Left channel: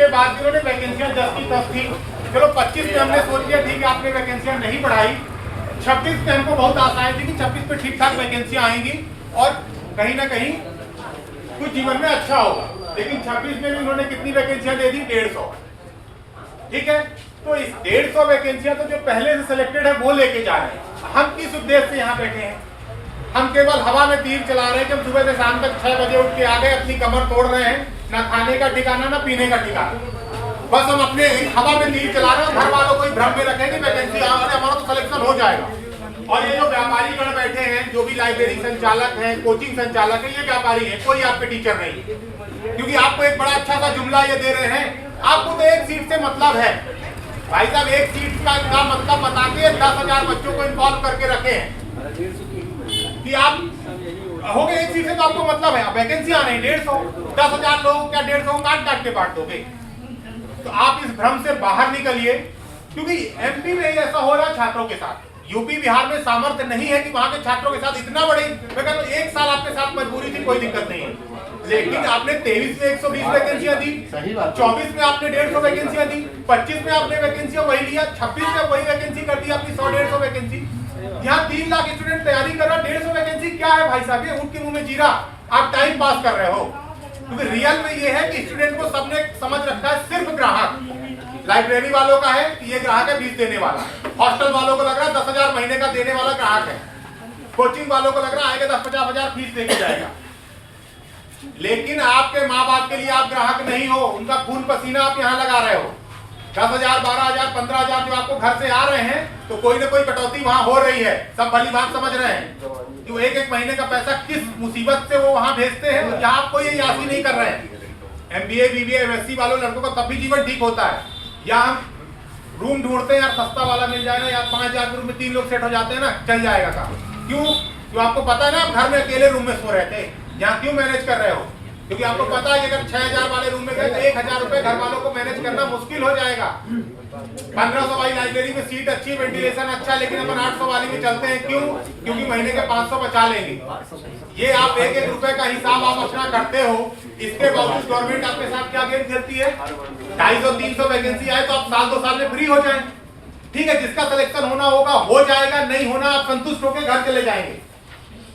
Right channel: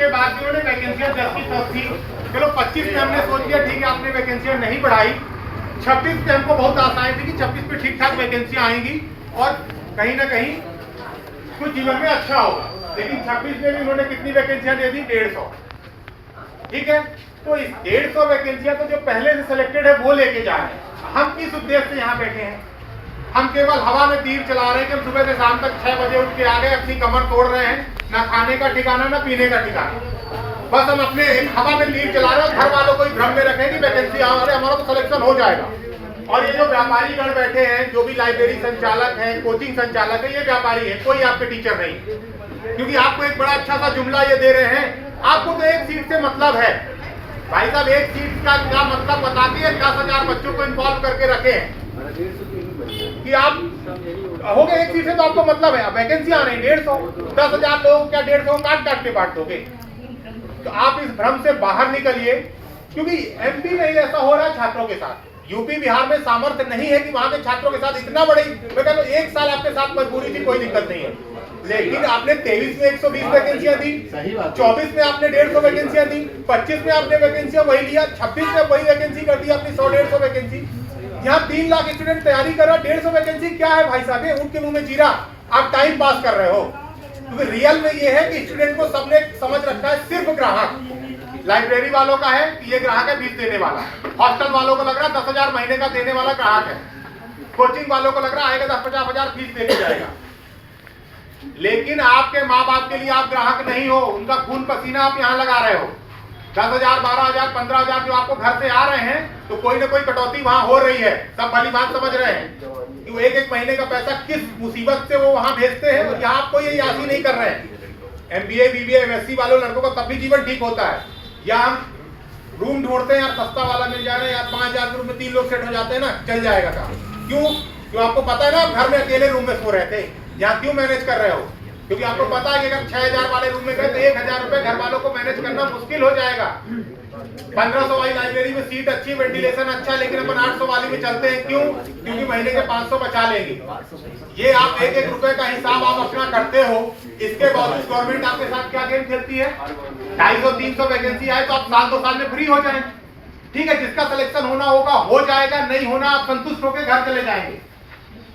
के बाद भी उन्होंने वैकेंसियां 10 की 10 थी। चलो 25 में हमने सोच लिया ठीक है आपने वैकेंसियां नहीं बढ़ाई। 26 पे हमको बहुत आशाएं थी कि 26 पे ठीक ठाक वैकेंसियां आएंगी और कहीं ना कहीं कुछ जीवन में अच्छा होगा। लेकिन 26 में भी उन्होंने कितनी वैकेंसियां दे दी? 150। ठीक है, तो इस 150 वैकेंसियां तो जो पहले से सिलेक्टेड है वो लेके जा रहे हैं। हम किस उद्देश्य से यहाँ बैठे हैं? हम केवल हवा में तीर चला रहे हैं कि हम सुबह से शाम तक 6 बजे उठ के आ गए, अपनी कमर तोड़ रहे हैं, ना खाने का ठिकाना ना पीने का ठिकाना। बस हम अपने हवा में तीर चला रहे हैं, घर वालों को भ्रम में रखें कि वैकेंसी आ रही है, हमारा तो सिलेक्शन हो जाएगा। और ये जो व्यापारी गण बैठे हैं, जो भी लाइब्रेरी संचालक हैं, कोचिंग संचालक है, ये व्यापारी है, कोई आपके टीचर नहीं। क्योंकि आपको एक बड़ा अच्छा सा जुमला ये दे रहे हैं, आपको तो एक सीट से मतलब है। भाई साहब, एक सीट का क्या मतलब बता के 10,000 बच्चों को इन्वॉल्व करके रखे कि आप हो गए एक सीट से, तो आपको मतलब है। अब वैकेंसी आ रही 150, 10,000 लोग क्या 150 काट के बांट दोगे? तो आप इस भ्रम से बाहर निकलिए, क्योंकि एमपी में ऐसा हो रहा है छात्रों के साथ। यूपी बिहार में सामर्थ्य नहीं है कि वहां के छात्रों के साथ इतना बड़ी, मैं कहता हूं 1 साल आपके साथ मजबूरी थी, कोई दिक्कत नहीं है। लेकिन आपने 23 में 120 वैकेंसियां दी, 24 में आपने 150 वैकेंसियां दी, 25 में आपने वैकेंसियां वही लिया, 26 में वही वैकेंसी कर दी आपने 100-150 वैकेंसी। यहाँ 3 लाख स्टूडेंट तैयारी कर रहा, 150 वैकेंसी क्या है भाई साहब? ये उनके मुंह में जीरा, आप टाइम पास कर रहे हो। क्योंकि रियल में ये है कि स्टूडेंट को सबने समझ रखा है सिर्फ ग्राहक। लाइब्रेरी वालों का है कि ये ग्राहक है फीस देने वाला, हॉस्टल वालों को लग रहा है 10,000 महीने का देने वाला ग्राहक है, कोचिंग वालों को लग रहा है आएगा 10-50 हजार फीस देके जाएगा। लेकिन आपके माँ बाप के लिए आप ग्राहक नहीं हो, उनका खून पसीना आप यहाँ लगा रहे हो। 10,000, 12,000, 15,000 जो आपको घर से आ रहे हैं, तो कोई ना कोई कटौती वहां हो रही है, सब भली बात समझ रहे हैं कि वो एक महीने का पैसा किस मुसीबत से वो वहां भेजते हैं। यहाँ आप कोई यासी नहीं कर रहे हैं। MBA, BBA, MSc वालों लड़कों का तब भी जीवन ठीक होता है। यहाँ रूम ढूंढते हैं यार, सस्ता वाला मिल जाएगा यार, 5,000 रूम में 3 लोग सेट हो जाते हैं ना, चल जाएगा काम। क्यों? क्यों आपको पता है ना आप घर में अकेले रूम में सो रहे थे, यहाँ क्यों मैनेज कर रहे हो? क्योंकि आपको पता है कि अगर 6,000 वाले रूम में गए तो 1,000 रुपए घर वालों को मैनेज करना मुश्किल हो जाएगा। 1500 वाली लाइब्रेरी में सीट अच्छी, वेंटिलेशन अच्छा, लेकिन अपन 800 वाली में चलते हैं। क्यों? क्योंकि महीने के 500 बचा लेंगे। ये आप 1-1 रुपए का हिसाब आप अपना करते हो, इसके बावजूद गवर्नमेंट आपके साथ क्या गेम खेलती है? 250-300 वैकेंसी आए तो आप साल 2 साल में फ्री हो जाए। ठीक है, जिसका सिलेक्शन होना होगा हो जाएगा, नहीं होना आप संतुष्ट होकर घर चले जाएंगे।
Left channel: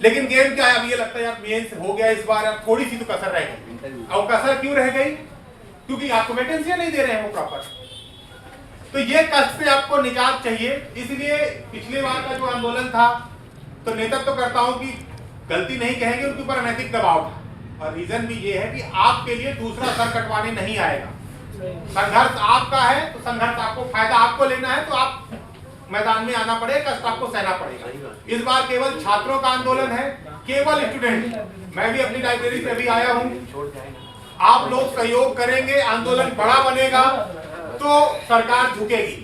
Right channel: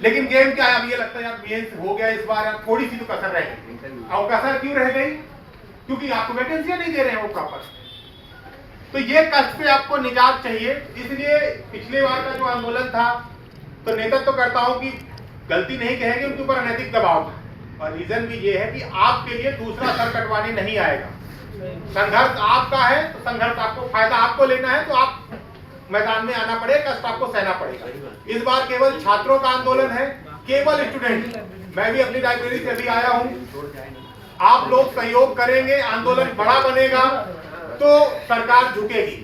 लेकिन गेम क्या है? अब ये लगता है यार मेंस हो गया इस बार, यार थोड़ी सी तो कसर रह गई। अब कसर क्यों रह गई? क्योंकि आपको वैकेंसियां नहीं दे रहे हैं वो प्रॉपर। तो ये कष्ट से आपको निजात चाहिए। इसलिए पिछली बार का जो आंदोलन था, तो नेतृत्व करता हूं कि गलती नहीं कहेंगे, उनके ऊपर अनैतिक दबाव था। और रीजन भी ये है कि आपके लिए दूसरा सर कटवाने नहीं आएगा। संघर्ष आपका है तो संघर्ष आपको, फायदा आपको लेना है तो आप मैदान में आना पड़ेगा, कष्ट आपको सहना पड़ेगा। इस बार केवल छात्रों का आंदोलन है, केवल स्टूडेंट। मैं भी अपनी लाइब्रेरी से अभी आया हूँ, आप लोग सहयोग करेंगे, आंदोलन बड़ा बनेगा तो सरकार झुकेगी।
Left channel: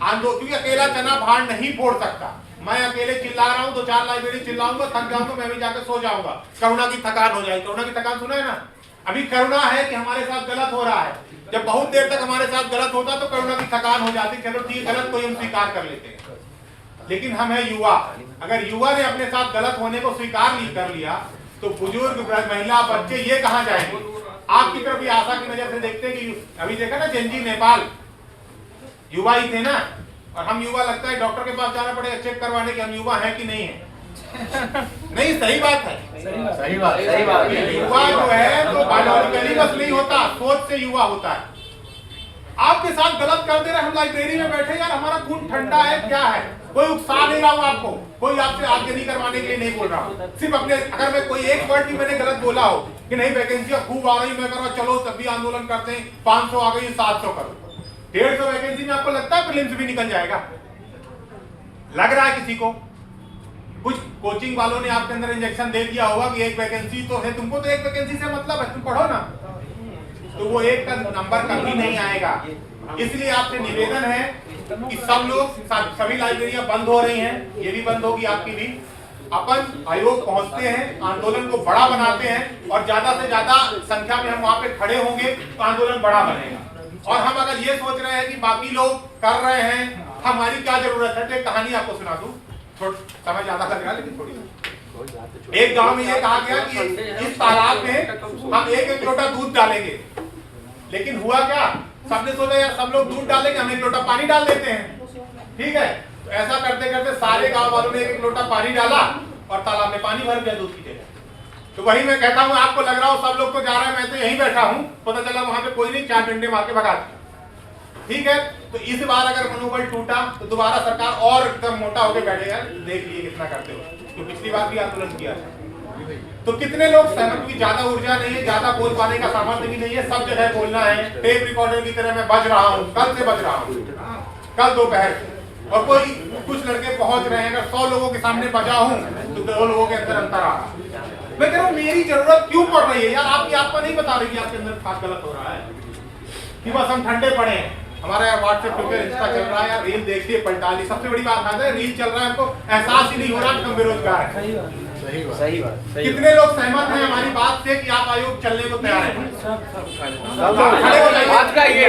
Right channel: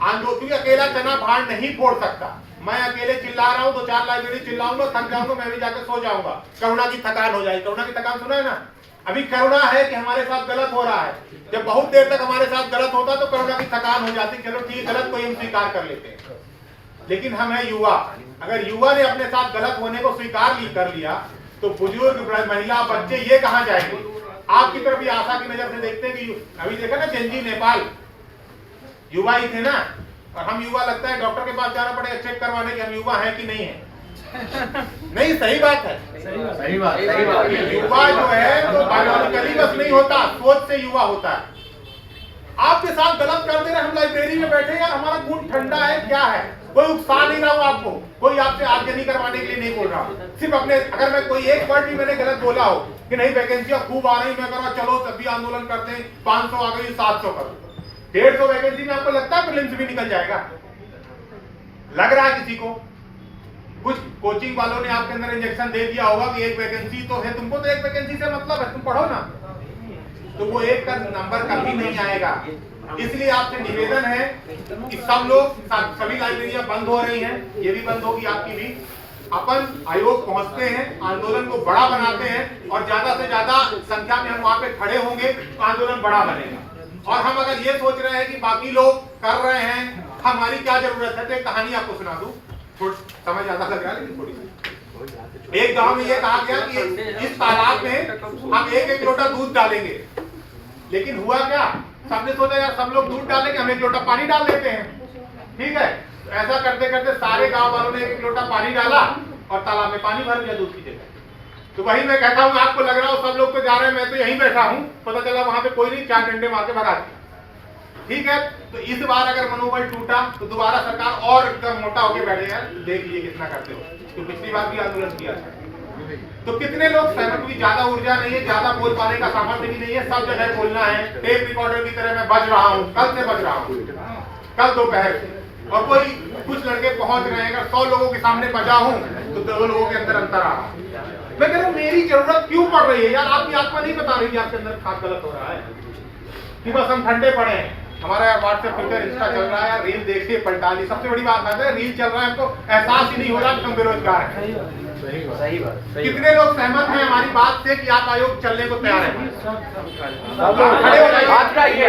क्योंकि अकेला चना भाड़ नहीं फोड़ सकता। मैं अकेले चिल्ला रहा हूँ, 2-4 लाइब्रेरी चिल्लाऊंगा, थक जाऊंगा, मैं भी जाकर सो जाऊंगा, करुणा की थकान हो जाएगी। करुणा की थकान सुना है ना? अभी करुणा है कि हमारे साथ गलत हो रहा है। जब बहुत देर तक हमारे साथ गलत होता तो करुणा की थकान हो जाती, चलो ठीक गलत कोई हम स्वीकार कर लेते हैं। लेकिन हम है युवा, अगर युवा ने अपने साथ गलत होने को स्वीकार कर लिया तो बुजुर्ग, महिला, बच्चे ये कहां जाएंगे? आपकी तरफ भी आशा की नजर से देखते हैं कि अभी देखा ना जेनजी नेपाल, युवा ही थे ना, और हम युवा लगता है डॉक्टर के पास जाना पड़ेगा चेक करवाने कि हम युवा हैं कि नहीं है। नहीं, सही बात है, सही बात। युवा जो है तो बायोलॉजिकली बस नहीं होता, सोच से युवा होता है। आपके साथ गलत कर दे रहे, हम लाइब्रेरी में बैठे यार, हमारा खून ठंडा है, क्या है? कोई उकसा नहीं रहा हूं आपको, कोई आपसे आगे करवाने के लिए नहीं बोल रहा हूं। सिर्फ अपने, अगर मैं कोई एक वर्ड भी मैंने गलत बोला हो कि नहीं वैकेंसियां खूब आ रही, मैं कह चलो तब भी आंदोलन करते हैं, 500 आ गई 700 करो, 150 वैकेंसी में आपको लगता है प्रीलिम्स भी निकल जाएगा? लग रहा है किसी को? कुछ कोचिंग वालों ने आपके अंदर इंजेक्शन दे दिया होगा कि एक वैकेंसी तो है, तुमको तो एक वैकेंसी से मतलब है, तुम पढ़ो ना, तो वो एक का नंबर कभी नहीं आएगा। इसलिए आपसे निवेदन है कि सब लोग, सभी लाइब्रेरियां बंद हो रही हैं, ये भी बंद होगी आपकी भी, अपन आयोग पहुंचते हैं, आंदोलन को बड़ा बनाते हैं और ज्यादा से ज्यादा संख्या में हम वहां पे खड़े होंगे तो आंदोलन बड़ा बनेगा। और हम अगर ये सोच रहे हैं कि बाकी लोग कर रहे हैं, हमारी क्या जरूरत है, तो एक कहानी आपको सुना दूं, समझ ज्यादा लग रहा है लेकिन थोड़ी। एक गांव में ये कहा गया कि इस तालाब में हम 1-1 लोटा दूध डालेंगे, लेकिन हुआ क्या, सबने सोचा यार सब लोग दूध डालेंगे, हम एक लोटा पानी डाल देते हैं, ठीक है। तो ऐसा करते करते सारे गांव वालों ने एक लोटा पानी डाला और तालाब में पानी भर गया दूध की जगह। तो वही मैं कहता हूँ, आपको लग रहा हो सब लोग तो जा रहे हैं, मैं तो यहीं बैठा हूँ, पता चला वहां पे कोई नहीं, 4 डंडे मार के भगा दिया, ठीक है। तो इस बार अगर मनोबल टूटा तो दोबारा सरकार और एकदम मोटा होकर बैठेगा, देख लिए कितना करते हो। तो पिछली बार भी आंदोलन किया था, तो कितने लोग सहमत हुए? ज्यादा ऊर्जा नहीं है, ज्यादा बोल पाने का सामर्थ्य भी नहीं है, सब जगह बोलना है, टेप रिकॉर्डर की तरह मैं बज रहा हूँ, कल से बज रहा हूँ, कल दोपहर से। और कोई कुछ लड़के पहुंच रहे हैं, अगर 100 लोगों के सामने बजा हूं तो 2 लोगों के अंदर अंतर आ रहा है। मैं कह रहा हूं मेरी जरूरत क्यों पड़ रही है यार? आपकी आत्मा नहीं बता रही कि आपके अंदर खास गलत हो रहा है कि बस हम ठंडे पड़े हैं। हमारा यार व्हाट्सएप, ट्विटर, इंस्टा चल रहा है यार, रील देखिए, पलटा ली। सबसे बड़ी बात है रील चल रहा है, हमको एहसास ही नहीं हो रहा कि हम बेरोजगार हैं। सही बात। कितने लोग सहमत हैं हमारी बात से कि आप आयोग चलने को तैयार हैं? बात का ये